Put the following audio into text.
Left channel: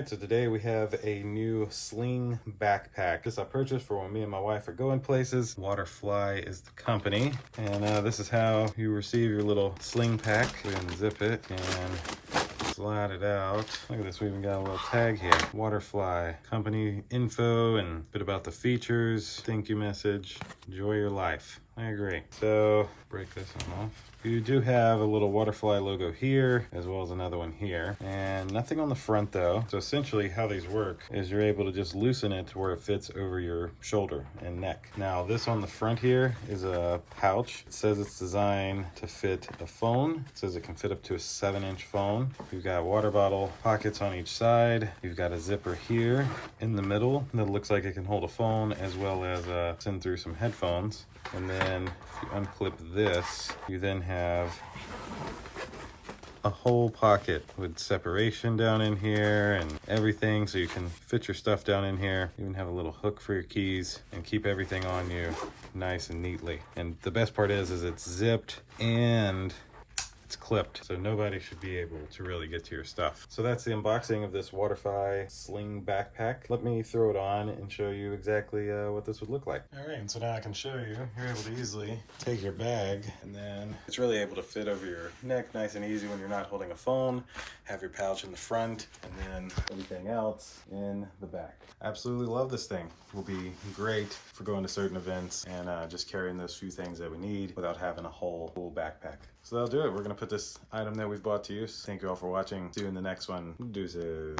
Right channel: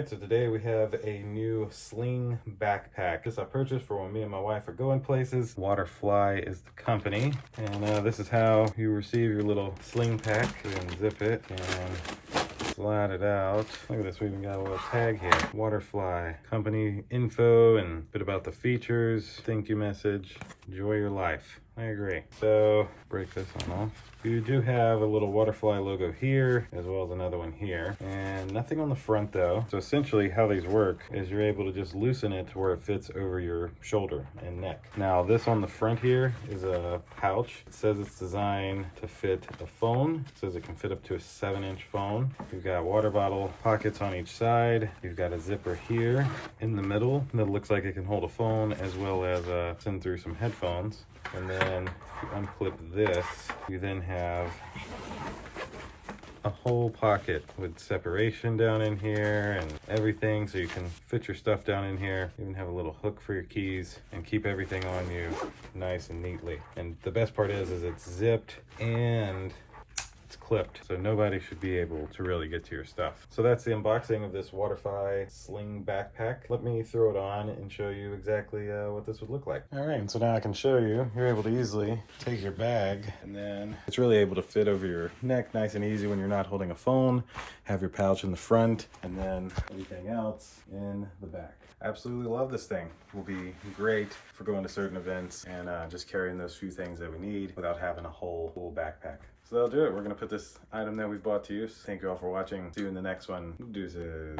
Alright, so today we have a new Sling backpack. This I purchased for when me and my wife are going places. WATERFLY is the company. And this is how you receive your little Sling pack. You can zip it and slide it out. Look at this, we even got a little tag here. WATERFLY, company info and a bit about the features, thank you message, enjoy your life. I agree. So, break this one off. You do have a little WATERFLY logo here, as well as another one here. And nothing on the front though. So essentially how these work is you're able to just loosen it to where it fits over your shoulder and neck. Now this on the front here is a pouch. It says it's designed to fit a phone. It says it can fit up to a 7-inch phone. You've got water bottle pockets on each side. You've got a zipper here in the middle that looks like it can hold a phone as well as send through some headphones. And then if you unclip this, you then have a whole pocket with separation down in here and everything, so you can fit your stuff down in here. You even have a little hook for your keys and keep everything on you nice and neatly. And the best part is it's zipped and it's clipped, so nobody should be able to really get to your stuff. So that's the unboxing of this WATERFLY Sling backpack. Let me throw it on and show you exactly what this would look like. All right, and so now I can show you. You're able to easily take your bag, and then it's really able to fit over your neck nice and easy when you're not holding a phone. Have your pouch in the front, and then everything else in the back. Absolutely love this thing. It will be great for going to certain events and just carrying those few things that we need without having a whole backpack. So that'll do it. We're gonna put this item that we've bought to use. Thank you all for watching. See you in the next one. Deuces.